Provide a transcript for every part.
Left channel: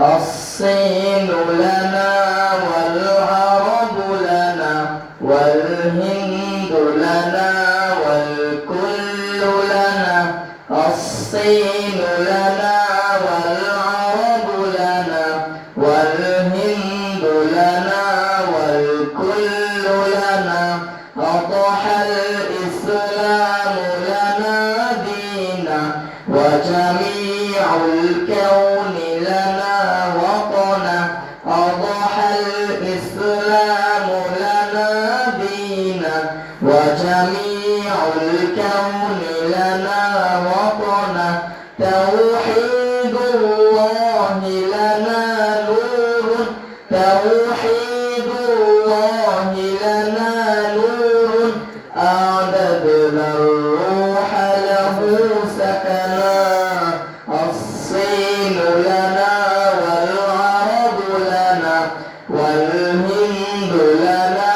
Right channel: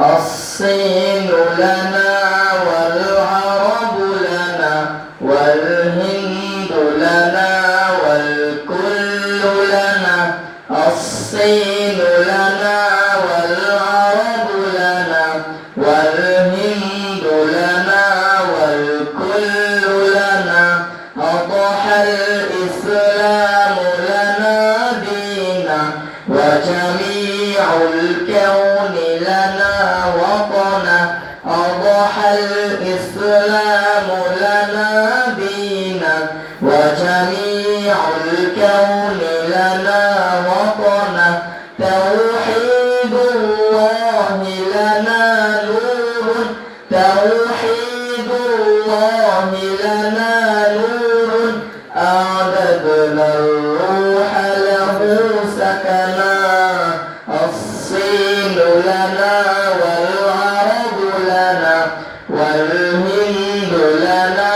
الصين لنا والعرب لنا والهند لنا والكل لنا. الصين لنا والعرب لنا والهند لنا والكل لنا. أضحى الإسلام لنا دينا وجميع الكون لنا وطنا. أضحى الإسلام لنا دينا وجميع الكون لنا وطنا. توحيد الله لنا نور توحيد الله لنا نور. أعبدنا الروح له سكنا. الصين لنا والعرب لنا والهند لنا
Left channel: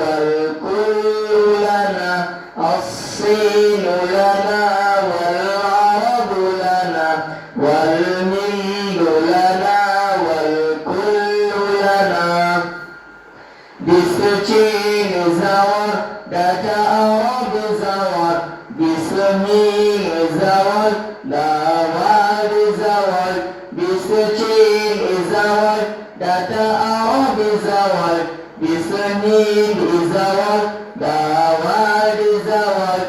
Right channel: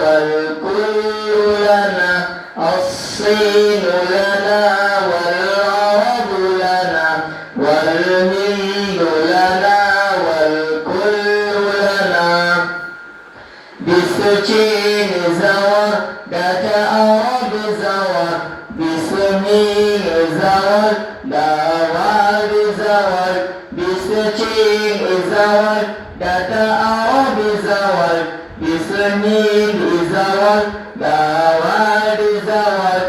والكل لنا. الصين لنا والعرب لنا والهند لنا والكل لنا. باسم چین زوار داتا عرب زوار. باسم هند زوار داوار زوار. باسم چین زوار داتا عرب زوار. باسم هند زوار داوار زوار.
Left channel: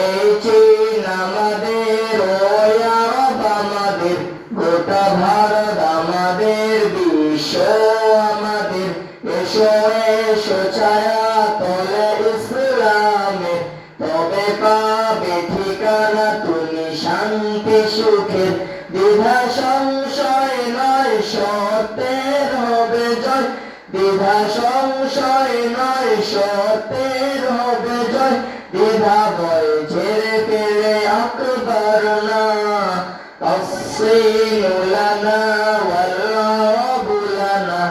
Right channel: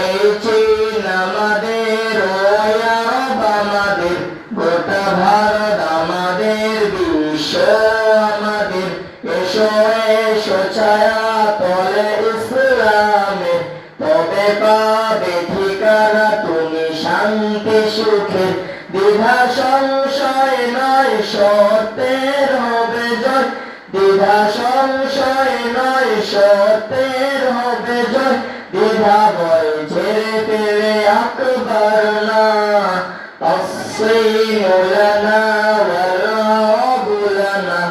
এই চীন আমাদের ওই আরব আমাদের গোটা ভারত আমাদের বিশ্ব আমাদের। এসো এসো ছায়া তলে ইসলামে তবে পাবে ঠিকানা তুমি শান্তি সুখের। দ্বিধা সংশয় নয় সত্যের হবে জয়। দ্বিধা সংশয় নয় সত্যের হবে জয়। দ্বিধা ভয় ঝেড়ে ফেলে আকবার না। الصين لنا والعرب لنا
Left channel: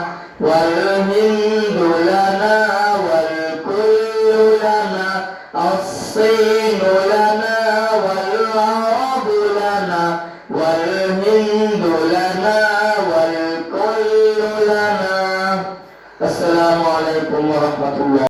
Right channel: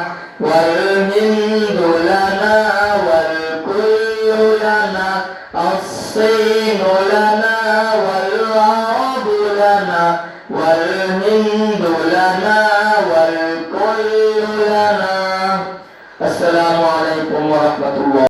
والهند لنا والكل لنا. الصين لنا والعرب لنا والهند لنا والكل لنا. السلام عليكم ورحمة الله.